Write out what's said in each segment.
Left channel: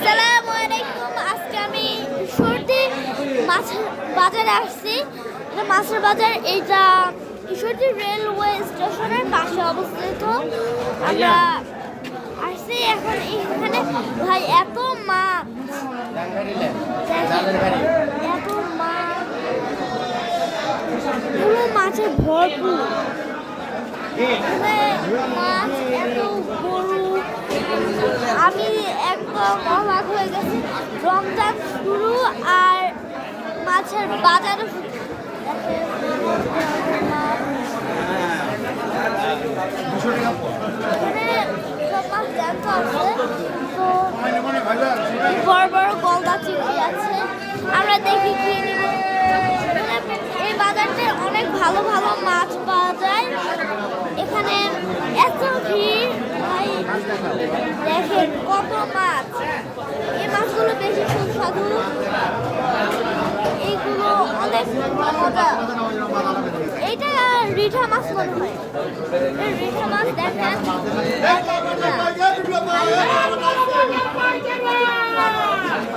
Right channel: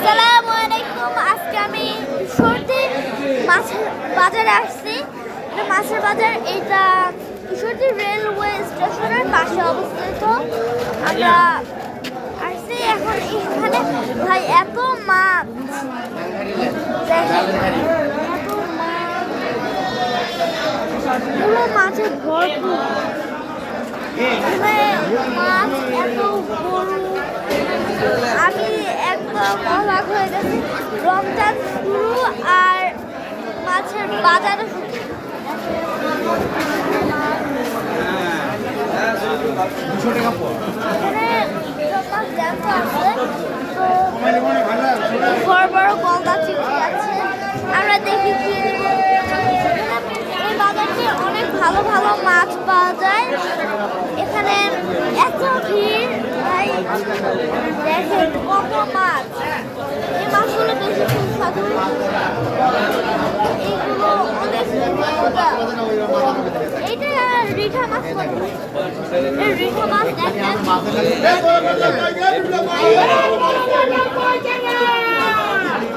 আসসালামু আলাইকুম। আজকে আমি কিশোরদী মাছের বাজারে আসছি। এটা মাছের বাজার, এইটা কিশোরদী রেলওয়ে স্টেশনের পাশে অবস্থিত। আমরা আসছি এখন এখানে। ভাই এত মাছ দেখেন, এত মাছ, পুরো মাছে ভরপুর। এখানে মাছ এত গরু, আমি একদম অবাক হয়ে গেছি। রমজান শুরু আর মাছের বাজারও শুরু। এখানে সব মাছ জ্যান্ত আছে, তো বড় বড় গলদা চিংড়ি আছে। আমরা দেখি কি এই বাজারটা অনেক ভালো ভালো মাছ পাওয়া যায়। এখানে এত ভিড়, ভাই দেখেন কত মাছ। এই মাছগুলো বেশি সুস্বাদু, এইগুলো অনেক মজা। এইটা রিঠা মাছ, এই রিঠা মাছ দেখেন,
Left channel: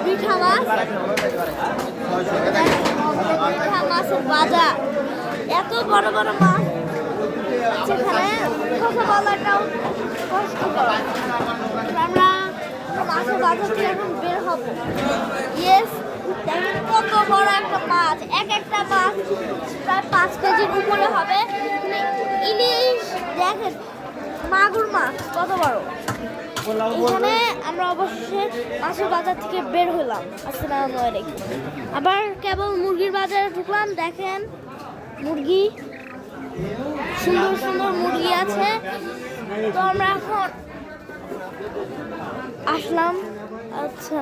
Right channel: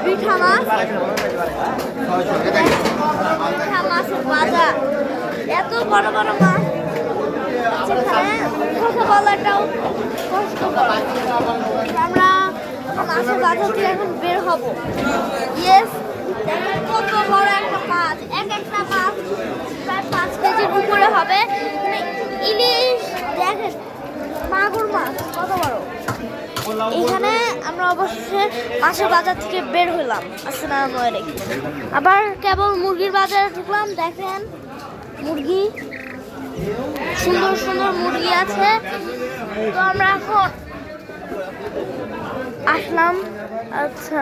রিঠা মাছ, রিঠা মাছের বাজার। এত বড় বড় মাছ সেখানে কথা বলাটাও কষ্টকর। আমরা মাছের বাজার থেকে এখন বের হব। ইয়েস, দেখেন কত বড় একটা মাছ। একটা মাছ প্রায় 5 কেজির উপরে হবে। মানে ইলিশ দেখেন, মাগুর মাছ কত বড়। এখানে আমরা অবশেষে মাছের বাজার থেকে বের হলাম। আসসালামু আলাইকুম। আবার কেবল মুরগির বাজারে ঢুকলাম। দেখেন মুরগি, সুন্দর সুন্দর মুরগি আছে। তো আমরা এখন আসলাম। আচ্ছা।